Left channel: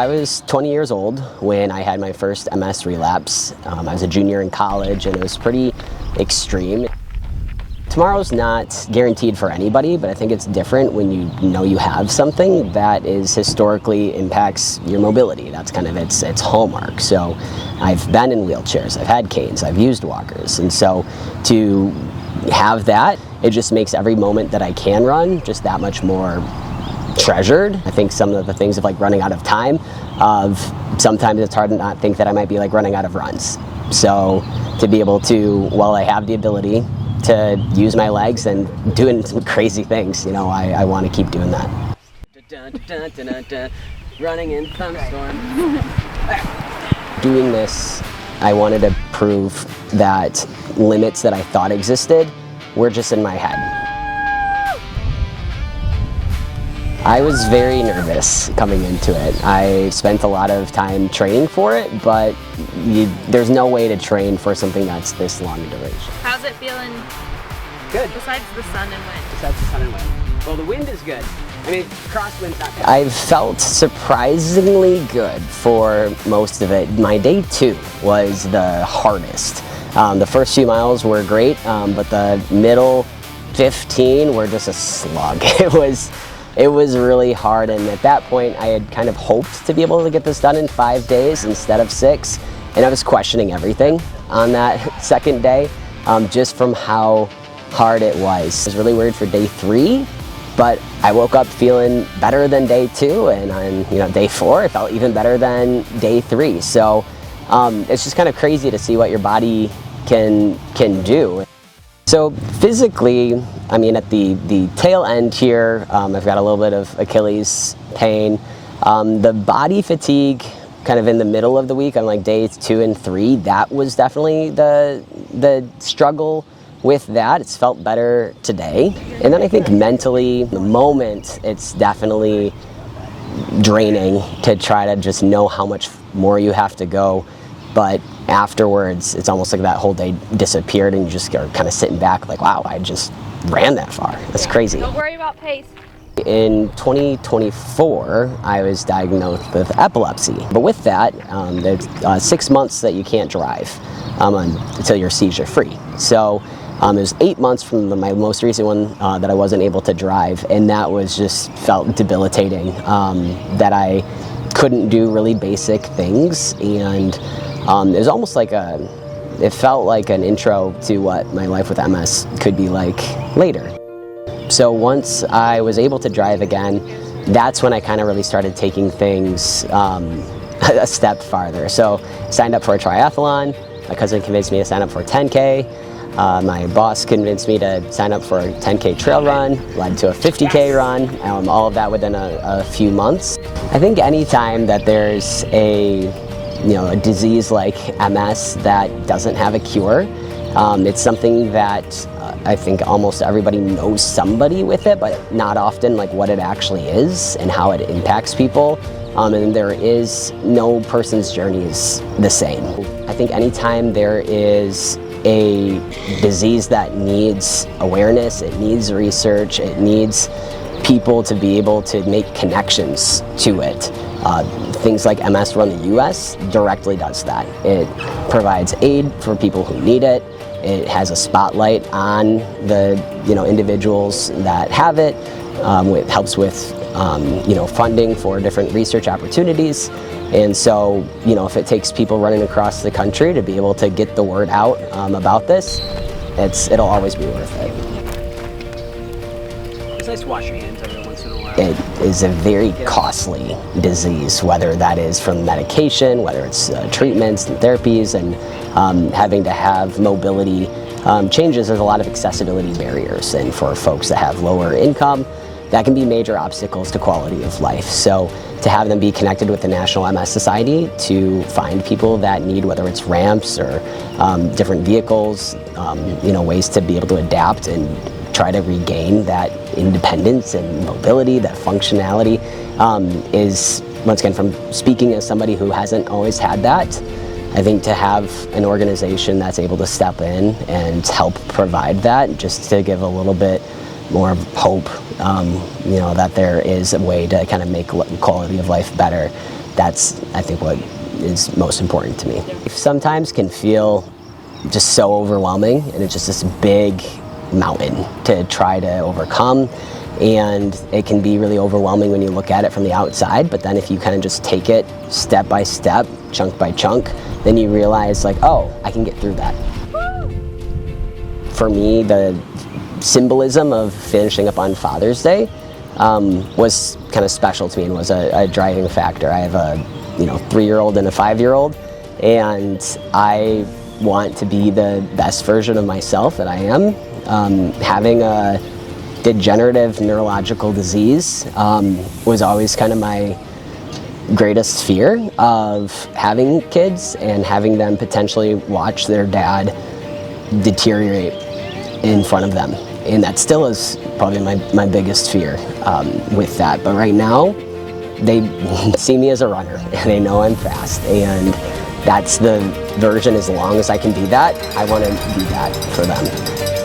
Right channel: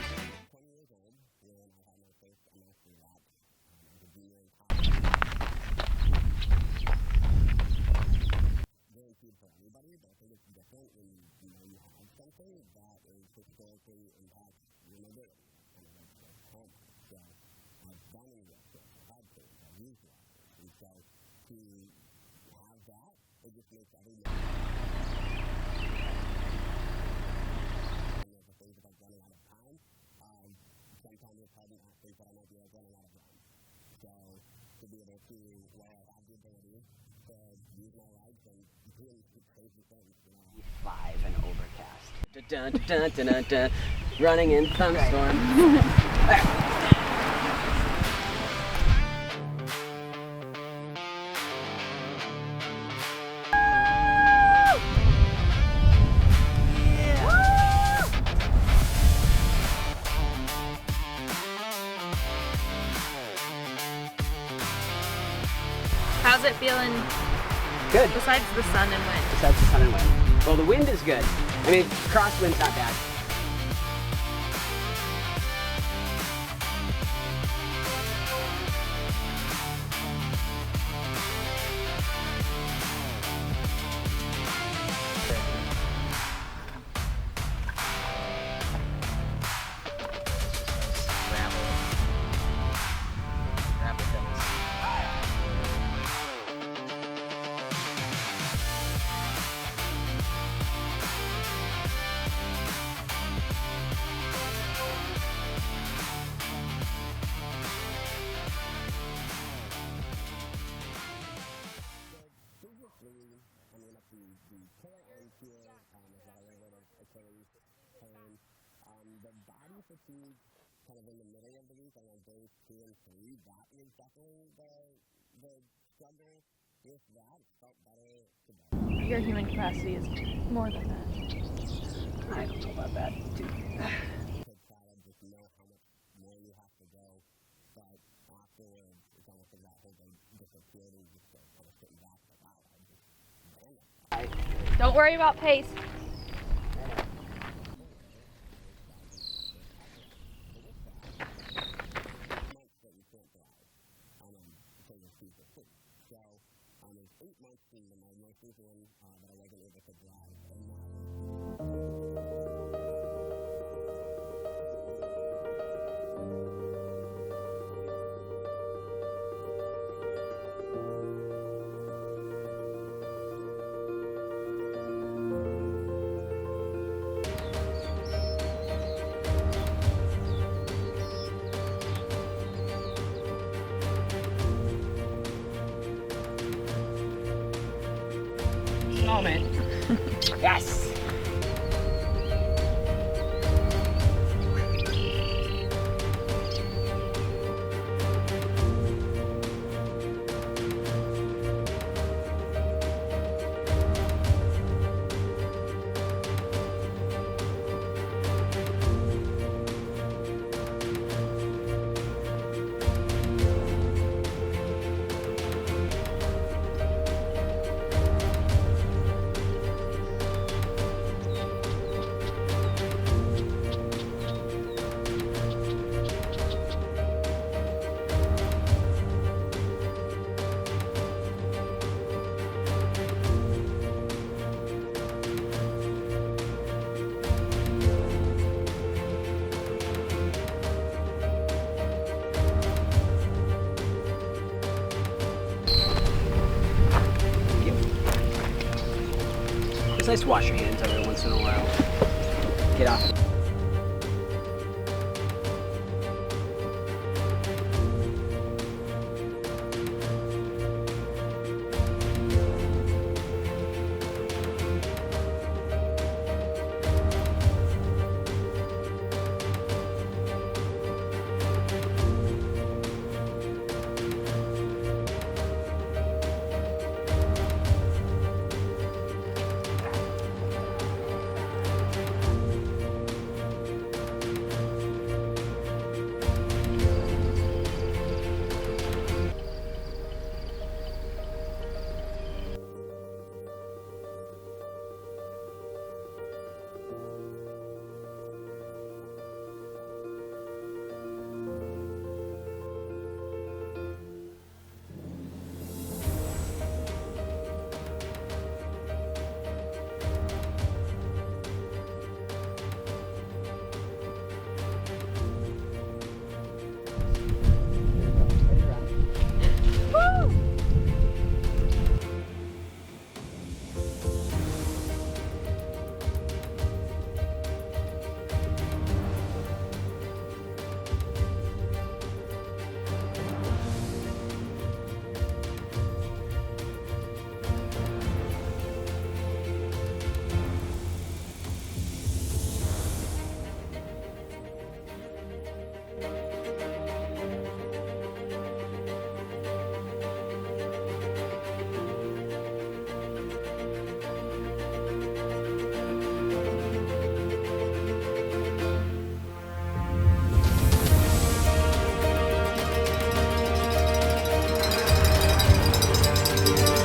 I was 20 years old when I had my first MS relapse. I was a junior in college, and it was pretty extreme. Tomorrow's not guaranteed for anybody, but I think it's different when you know you have something that is historically impacts your mobility. That's kind of its hallmark. So I've been in wheelchairs, I've had canes, I've used walkers, and so to have that, it just makes every moment that I can run just that much more treasured. I think some of the things of like running out of time, sometimes it's hard to not think that I might be like running out of runs. So to be able to, while I have the ability to use my legs and doing some crazy things, you know, I want to keep doing that. Running in thunderstorm. Doing this, I wanted to prove that limits that I thought existed were just in my head. I was very nervous coming into it. I spent a lot of time training for it, but there's no way to train for something that's this long duration. How's it feeling? Good. Besides the sun and wind. Besides the sun and wind. Well, the wind is good. I mean, crosswind's not bad. I felt surprisingly good for most of it. My day 2 was the hardest. The first few miles were great, but the middle 15 were just a slug. It was really hard, and at that point I had kind of hoped to be able to get this done in 5 days instead of 6, and I was questioning everything on that second day, just from how hard it was. I was really worried for day 3, but I woke up feeling better than day 2, and on day 4 it felt even better than day 3. So it's just kind of crazy to see what your body can do. So physically, I mean, at the tail end here, I've got a little bit of Achilles pain. The body fatigue, kind of in the middle of the week, on like days 2 and 3, that was definitely the struggle with that. It's felt better today. And then I think mentally, the moment, it's definitely draining to try to just know how much more you have to go. But afterwards, it's almost like that whole day disappeared, and you just are kind of sitting back like, wow, I just ran that far. That's crazy. Don't worry about pace. In 2024, I was diagnosed with epilepsy. But with that, there's 6 months that you can't drive until you're seizure free. So it was 8 months from my most recent one that I wasn't able to drive, and that was just felt debilitating, that I couldn't do really basic things, and it was almost like it felt like an intro to what my life with MS could be like later. So once I was able to drive again, that's when I kind of really started taking things a step farther. So signed up for a triathlon. My cousin convinced me to sign up for a 10K. My boss convinced me to sign up for a 10K trail run, led to a 50K run, all of that within a few months. I think any time that there's a disease like MS that doesn't have a cure, it's something that I think almost everybody knows somebody with it, but not often like what it actually is and how it impacts people. And there is no person's journey is the same. I think anytime there is a disease that needs awareness, it needs research, it needs people to be able to make connections to it. Things like MS Run the US directly does that. It provides aid for people who need it. It has a spotlight on the individuals that have it. It helps with funding for different research opportunities. And so, if it takes people running across the country to be able to get the word out about this, it'll always be worth it. It's nice to wash your hands every once in a while. It is a very costly disease, whether that is from medication, whether it's treatments and therapies, and having to have mobility changes. There's a lot of accessibility barriers, and for folks that have lower income, that can be major obstacles to quality of life. So to have them be connected with the National MS Society to find people that need, whether it's ramps or different vehicles, ways to be able to adapt and try to regain that independence and mobility, that functionality, is, once again, from speaking as somebody who hasn't always had that, I think to have an organization that's able to step in and help provide that, just to give a little bit more hope, that there is a way to kind of make quality of life better, that's, I think, what is most important to me. Sometimes can feel just so overwhelming, and it's just this big mountain to try to overcome, and it can be really overwhelming when you look at it from the outside, but then if you kind of just take it step by step, chunk by chunk, then you realize like, oh, I can get through that. For me, the symbolism of finishing up on Father's Day was kind of special to me and was a driving factor. I have a 3-year-old and a 5-year-old, and I want to be the best version of myself that I am. Having a degenerative neurological disease was always kind of my greatest fear of having kids and having them potentially watch their dad deteriorate in front of them. And that still is probably my biggest fear with that. But right now, they see me as a runner and they know I'm fast, and that's the version. As long as I can be that, I want to be that for them.